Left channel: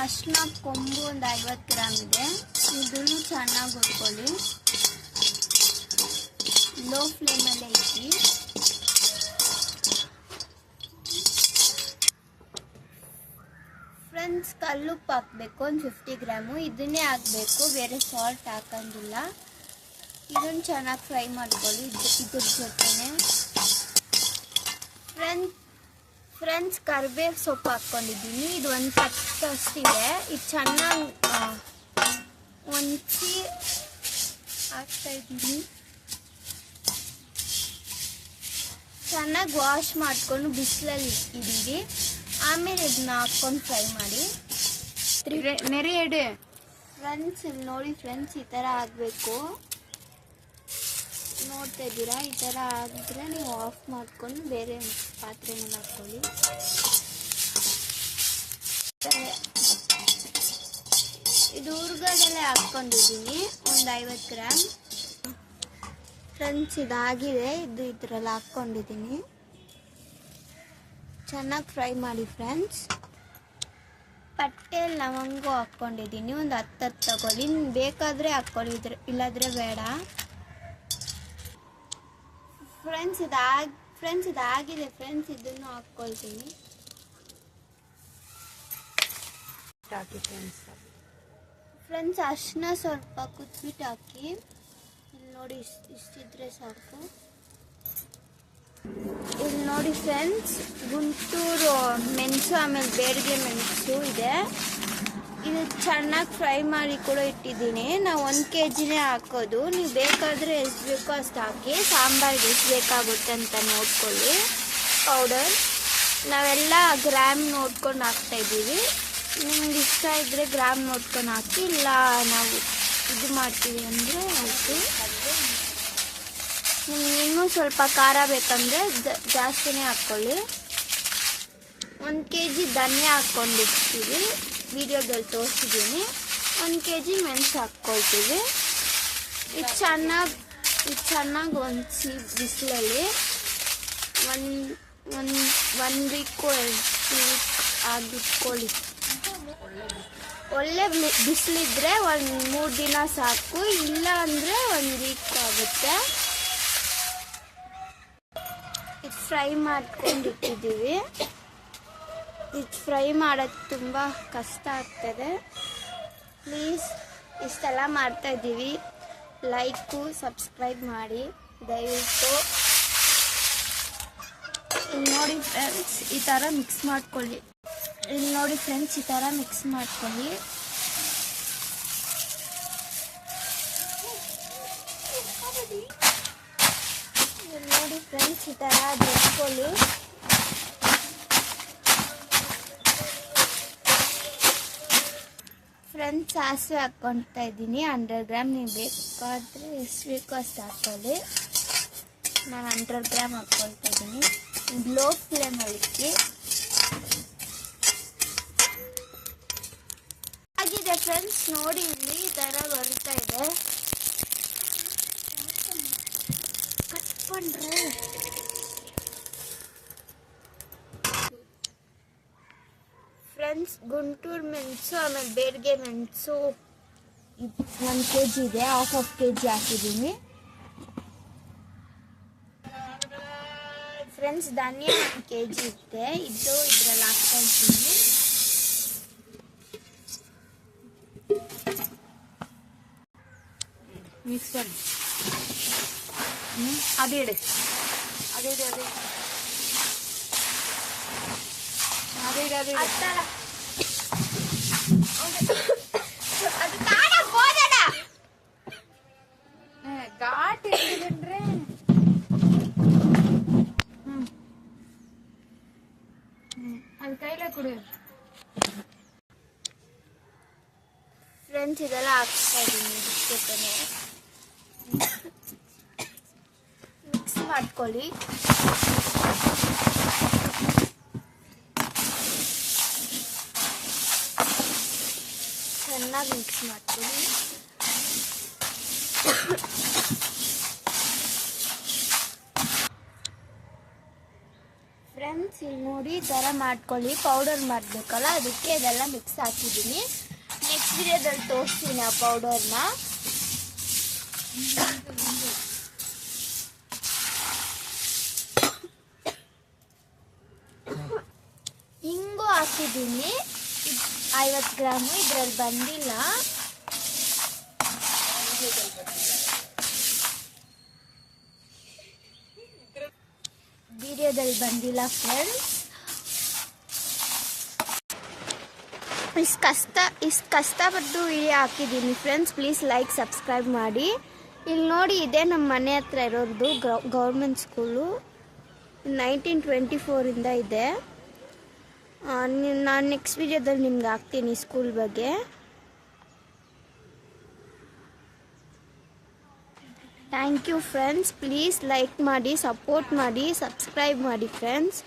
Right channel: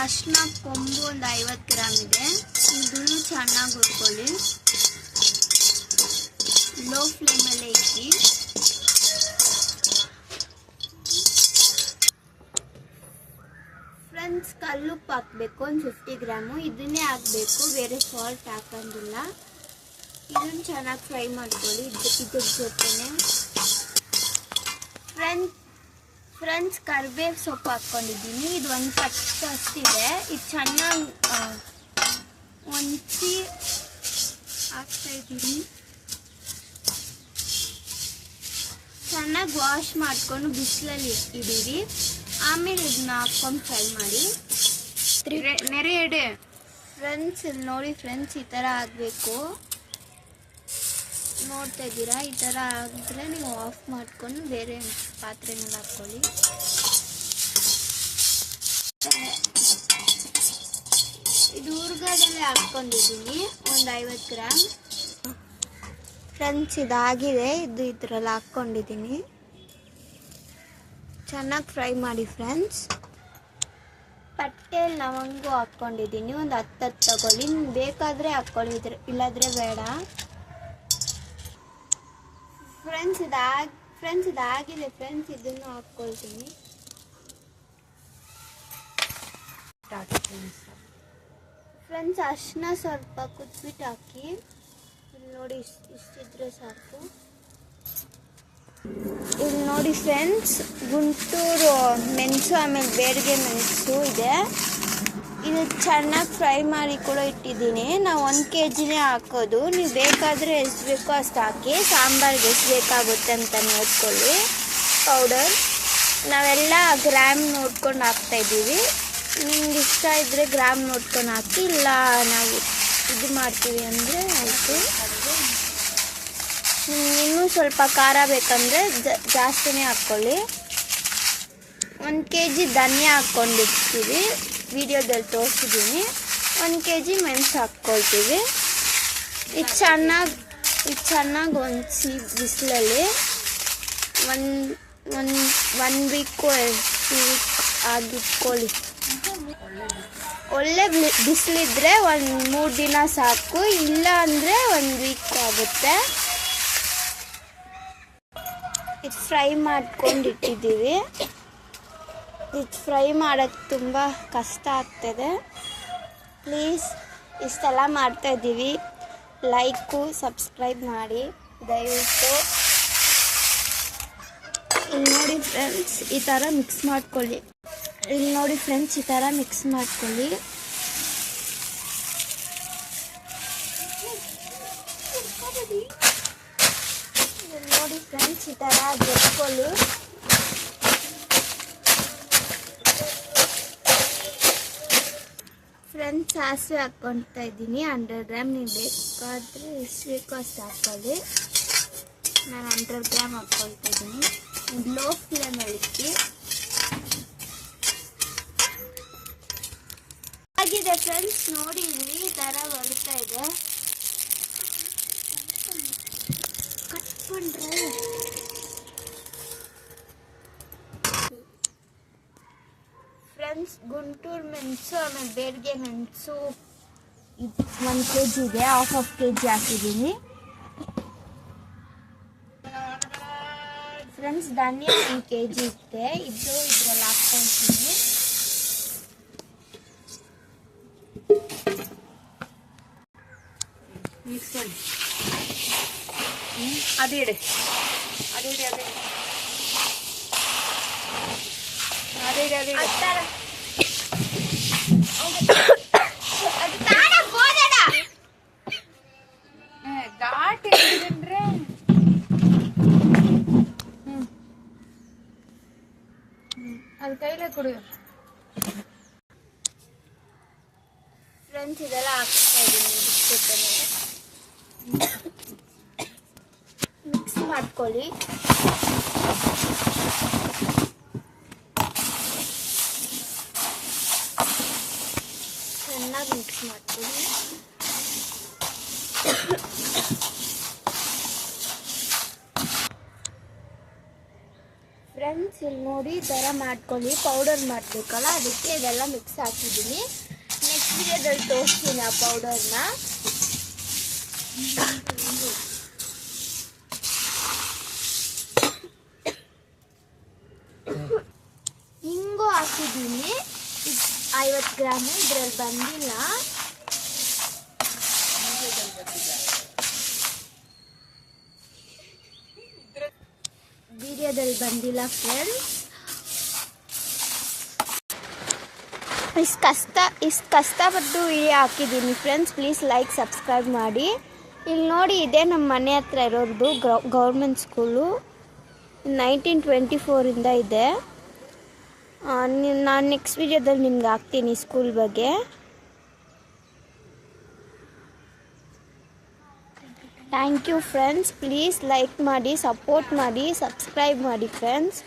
ಅರಿಶಿನ ಕೊಂಬು ಒಂದು 50 ಗ್ರಾಮ್ ಇದೆ. ಇದನ್ನು ಚೆನ್ನಾಗಿ ಹುರ್ಕೊಳ್ಳಿ. ಲೋ ಫ್ಲೇಮಲ್ಲೇ ಇಕ್ಕಿ. ಫ್ರೆಂಡ್ಸ್, ಕಲ್ಲುಪ್ಪು ಹಾಕಬೇಕು ಒಂದು 50 ಗ್ರಾಮು. ಇದನ್ನೇ ಹಾಕಬೇಕು, ಬೇರೆ ಸಾಲ್ಟ್ ಹಾಕಂಗಿಲ್ಲ. ಇದನ್ನು ಚೆನ್ನಾಗಿ ಫ್ರೈ ಮಾಡ್ಕೊಳ್ಳಿ ಇದ್ರ ಜೊತೆನೆ. ಫ್ರೆಂಡ್ಸ್, ಕರಿಬೇವು ಸೊಪ್ಪು ಹಾಕ್ಕೊಂಡಿದ್ದೀನಿ. ಇದು ಒಂದು ಕಟ್ಟು ಅಷ್ಟಿದೆ. ಇದು ಚೆನ್ನಾಗಿ ಒಂಚಿ ಹಾಕ್ತಾ ಇದ್ದೀನಿ. ಚೆನ್ನಾಗಿ ವಾಶ್ ಮಾಡ್ಕೊಂಡು ಬಿಸಿಲಲ್ಲಿ ಇಟ್ಟಿದ್ದೀವಿ. ಆಮೇಲೆ ಇದನ್ನ ಹಾಕ್ಕೊಂಡು ಫ್ರೈ ಮಾಡಿ. ನೆರೆ ಎಡೆ ಫ್ರೆಂಡ್ಸ್, ಇಲ್ಲಿ ನೋಡಿ ಫ್ರೆಂಡ್ಸ್, ಈ ಥರ ಆಗಬೇಕು. ನೋಡ್ತಾ ಇದ್ದೀರಾ? ಈ ಥರ ಆಗಿದ್ರೆ ನೀವು ಆಫ್ ಮಾಡ್ಕೊಂಡು ಬೇರೆ ಪಾತ್ರೆನಲ್ಲಿ ಹಾಕ್ಕೊಳ್ಳಿ. ಇದು ಹುರ್ಗಡೆಲೆ ಹಾಕ್ಕೊಂಡಿದ್ದೀನಿ ಒಂದು 50 ಗ್ರಾಮ್. ಫ್ರೆಂಡ್ಸ್, ಇದಾಗಿದೆ. ಇದು ಇದರಲ್ಲಿ ಹಾಕ್ಕೊಂಡಿದ್ದೀನಿ. ಚೆನ್ನಾಗಿ ಫ್ರೈ ಮಾಡಿ ಫ್ರೆಂಡ್ಸ್. ಪಟ್ಟೆ ಲವಂಗು ಹಾಕ್ಕೊಂಡಿದ್ದೀನಿ. ಒಂದು 10 ತಗೊಳ್ಳಿ. ಬೇಕಾದರೆ ಹಾಕ್ಕೊಳ್ಳಿ, ಇಲ್ಲಾದರೆ ಬೇಡ. ಫ್ರೆಂಡ್ಸ್, ಇದಾಗಿದೆ ಫ್ರೆಂಡ್ಸ್. ಇದನ್ನು ಹಾಕ್ಕೊಳ್ತೀನಿ. ಫ್ರೆಂಡ್ಸ್, ಅರಿಶಿನ ಸ್ವಲ್ಪ ಕುಟ್ಬಿಟ್ಟು ಹಾಕಿ. ಇಲ್ಲಿ ನೋಡಿ, ಇಷ್ಟಿದ್ರೆ ಸಾಕು. ಇಲ್ಲಿ ನೋಡಿ ಫ್ರೆಂಡ್ಸ್, ಗುಂಟೂರು ಮೆಣಸು ಆಮೇಲೆ ಬೇಡಿಗೆ ಮೆಣಸು ಇದೆ. ಇದು ಚೆನ್ನಾಗಿ ಫ್ರೈ ಮಾಡಿ ಕೂಡ ಇಟ್ಟಿದ್ದೀನಿ. ನಾವು 1 kgನೇ ಹಾಕೋದು. ನೀವು ಬೇಕಾದರೆ ಎಷ್ಟು ಬೇಕೋ ಅಷ್ಟು ಹಾಕಿ. ಸಾಂಬಾರಿಗೆ ಎಷ್ಟು ಬೇಕಾಗುತ್ತೆ ಅಂತ ನೋಡ್ಕೊಳ್ಳಿ. ಪೌಡರ್ ನಾವೆಲ್ಲ ಗ್ರಾಮ್ ನೋಡ್ಕೊಂಡು ಹಾಕ್ತಾಯಿದ್ದೀವಿ. ನಿಮ್ಗೆ ಇಷ್ಟ ಇದ್ದರೆ ಗ್ರಾಮ್ ನೋಡ್ಕೊಂಡು ಹಾಕಿ. ಇಲ್ಲ ನಾವು ಇದು ಮಾಡ್ತೀವಿ ಅಂದರೆ ಆಯಿತು. ನಿಮ್ಗೆ ಇನ್ನೂ ಸ್ವಲ್ಪ ಖಾರ ಬೇಕಂದರೆ ಜಾಸ್ತಿನೇ ಹಾಕ್ಕೊಳ್ಳಿ. 1 kg ಧನ್ಯ ಹಾಕ್ಕೊಂಡಿರ್ತೀವಿ. ವಿಡಿಯೋದಲ್ಲಿ ತೋರಿಸಿದ್ದೀನಿ. 1 kg ಮೆಣಸು ಹಾಕ್ಕೊಳ್ತೀವಿ. ಇದು ಚೆನ್ನಾಗಿ ಒಂದ್ಸಿ ಬಿಸಿಲಲ್ಲಿ ಒಂದು ವೀಕು 2 ವೀಕ್ ಆಗಿಟ್ಕೊಳ್ಳಿ. ಒಳ್ಳೆ ಬಿಸಿಲಿದ್ರೆ ಒಂದು 3 ದಿನ ಸಾಕು. ಇಲ್ಲ ಅಂದರೆ 1 ವೀಕ್ ಆಗುತ್ತೆ. ಇದು ಫ್ರೈ ಮಾಡ್ಕೊಂಡಿಟ್ಟಿದ್ದೀವಿ. ಇದು ಫ್ರೈ ಮಾಡೋದು ತುಂಬ ಕಷ್ಟ ಆಗ್ತದೆ. ಪ್ಲೀಸ್, ಇಷ್ಟೆಲ್ಲ ಮಾಡ್ತಾಯಿದ್ದೀವಿ. ಲೈಕು ಸಬ್ಸ್ಕ್ರೈಬ್ ಮಾಡಿ ದಯವಿಟ್ಟು. ಇಲ್ಲಿ ನೋಡಿ ಫ್ರೆಂಡ್ಸ್, ಈ ಥರ ಮಿಕ್ಸ್ ಮಾಡ್ಕೊಳ್ಳಿ. ಇಲ್ಲಿ ನೋಡಿ ಫ್ರೆಂಡ್ಸ್, ಈ ಥರ ಮಿಕ್ಸ್ ಮಾಡ್ಕೊಳ್ಳಿ. ಇಲ್ಲಿ ನೋಡಿ ಫ್ರೆಂಡ್ಸ್, ಈ ಥರ ಜೊಚ್ಕೊಳ್ಳಿ. ಫ್ರೆಂಡ್ಸ್, ಸಾಸಿವೆ ಹಾಕ್ಕೊಳ್ತಾ ಇದ್ದೀನಿ 100 ಗ್ರಾಮ್. ನೀವು ಬೇಕಾದರೆ ಎಷ್ಟು ಬೇಕೋ ಅಷ್ಟು ಹಾಕ್ಕೊಳ್ಳಿ. ನಾನು 100 ಗ್ರಾಮ್ ಹಾಕ್ಕೊಳ್ತಾ ಇದ್ದೀನಿ. ಲೋ ಫ್ಲೇಮಲ್ಲಿ ಇಕ್ಕಿ. ಆಗಿದೆ ಫ್ರೆಂಡ್ಸ್, ನೋಡಿ ಇಲ್ಲಿ ಈ ಥರ ಬರ್ತಾ ಇದೆ. ಕಟ್ಕೊಂಡ್ರೆ ಫ್ರೆಂಡ್ಸ್, ಗುಂಟೂರು ಮೆಣಸು ಆಮೇಲೆ ಬೇಡಿಗೆ ಮೆಣಸು 1 kg ಇದೆ. ಹಾಫ್ kg ಹಾಕಿದ್ದೀನಿ. ಫ್ರೆಂಡ್ಸ್, ಧನಿಯಾ 1 kg ಇದೆ. ಇದು ಇದರಲ್ಲಿ ಹಾಕ್ಕೊಳ್ತೀನಿ. ಮಿಕ್ಸ್ ಮಾಡಿ. ಅದೇ ಇಡೆ ಅದೇ ಇಡೆ ಅದೇ ಅದೇ ಇಡೆ ಅದೇ ಘಾಟ್ ಹೇಳಿದ್ರೆ ಅದು ಕೈಲೇ ಕೊಡು. ಫ್ರೆಂಡ್ಸ್, ಇದೆಲ್ಲ ಹಾಕ್ತಾ ಇದ್ದೀನಿ. ಮಿಕ್ಸ್ ಮಾಡ್ಕೊಳ್ಳಿ. ಚೆನ್ನಾಗಿ ಮಿಕ್ಸ್ ಮಾಡ್ತೀನಿ. ಫ್ರೆಂಡ್ಸ್, ಇಲ್ಲಿ ನೋಡಿ ಈ ಥರ ಮಾಡ್ಕೊಳ್ಳಿ. ಪೌಡರ್ ಮಾಡಬೇಕಲ್ಲ, ಅದಕ್ಕೆ ಇವೆಲ್ಲ ಮಿಕ್ಸ್ ಹಾಕಿದ್ದೀನಿ. ನೆಕ್ಸ್ಟ್ ವಿಡಿಯೋದಲ್ಲಿ ತೋರಿಸ್ತೀನಿ ಆ ಪೌಡರ್ನ. ಹಿಂಗು ಹಾಕಿದ್ದೀನಿ 50 ಗ್ರಾಮ್. ಇದ್ರಲ್ಲಿ ಬಂದಿಲ್ಲ. ವಿಡಿಯೋದಲ್ಲಿ ಬಂದಿಲ್ಲ ಫ್ರೆಂಡ್ಸ್. ಇಷ್ಟು ಕಷ್ಟಪಟ್ಟು ವಿಡಿಯೋ ಹಾಕಿದ್ದೀನಿ ಫ್ರೆಂಡ್ಸ್. ಪ್ಲೀಸ್ ಲೈಕ್ ಸಬ್ಸ್ಕ್ರೈಬ್ ಮಾಡಿ. ಇಲ್ಲಿ ನೋಡಿ, ಇದೇ ನಮ್ಮ ಮನೆ ಹತ್ರ ಇರೋದು ಗೌರ್ಮೆಂಟ್ ಸ್ಕೂಲು. 1924 ಇದೆ. ನಾನು ನೆಕ್ಸ್ಟ್ ವಿಡಿಯೋದಲ್ಲಿ ನಿಮ್ಗೆ ಹಾಕ್ತೀನಿ ಸ್ಕೂಲ್ ಬಗ್ಗೆ. Thank you friends. Please like ಮಾಡಿ, ಸಪೋರ್ಟ್ ಮಾಡಿ, ಸಬ್ಸ್ಕ್ರೈಬ್ ಮಾಡಿ ಫ್ರೆಂಡ್ಸ್.